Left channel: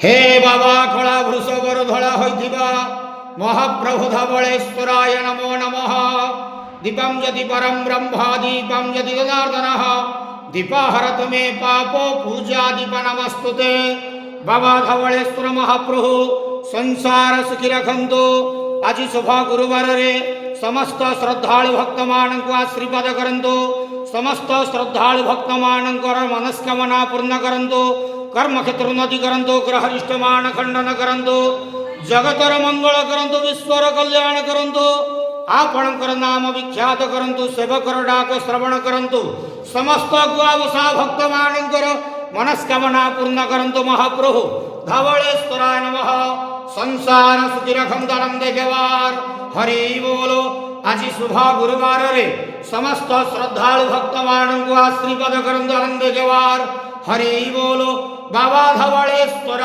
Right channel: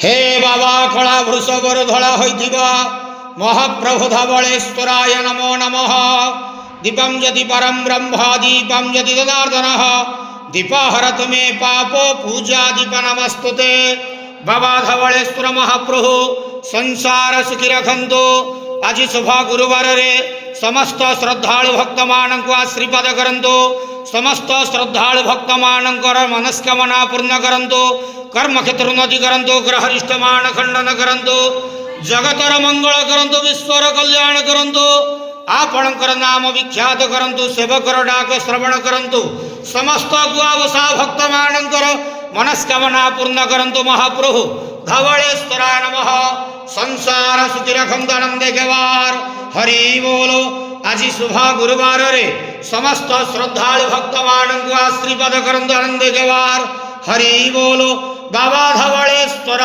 हे बाबा कला वृषभर धड़ा होइथिबा महाप्रभु धवलेश्वराय नमो नमः। दीपं यदि परं ब्रह्म दीपं यदि जनार्दनः दीपहरतु मे पापो पूजा दीप नमस्तुते। बाबा धवलेश्वर महाप्रभु संसार सुखी रखंतु। आज शुभ गुरुवार रे समस्त श्रद्धालु भक्त मानक आशीर्वाद करंतु। समस्त श्रद्धालु भक्त मानकर मनस्कामना पूर्ण करंतु। कर्म क्षेत्र उन्नति करंतु। ग्रहरिष्ठ मान खंडन करंतु। जगतर मंगल करंतु। विश्वर कल्याण करंतु। आपणकर नाम विख्यात करंतु। सेवकर डाक श्रवण करंतु। समस्त गुआवसा भक्त मानकर मनस्कामना पूर्ण करंतु। महाप्रभु धवलेश्वराय नमः। संसार सुखी रखंतु आनंदे केवार हरि बोलो। आज शुभ गुरुवार रे समस्त श्रद्धालु भक्त मानक आशीर्वाद करंतु आनंदे केवार हरि बोलो। बाबा धवलेश्वर।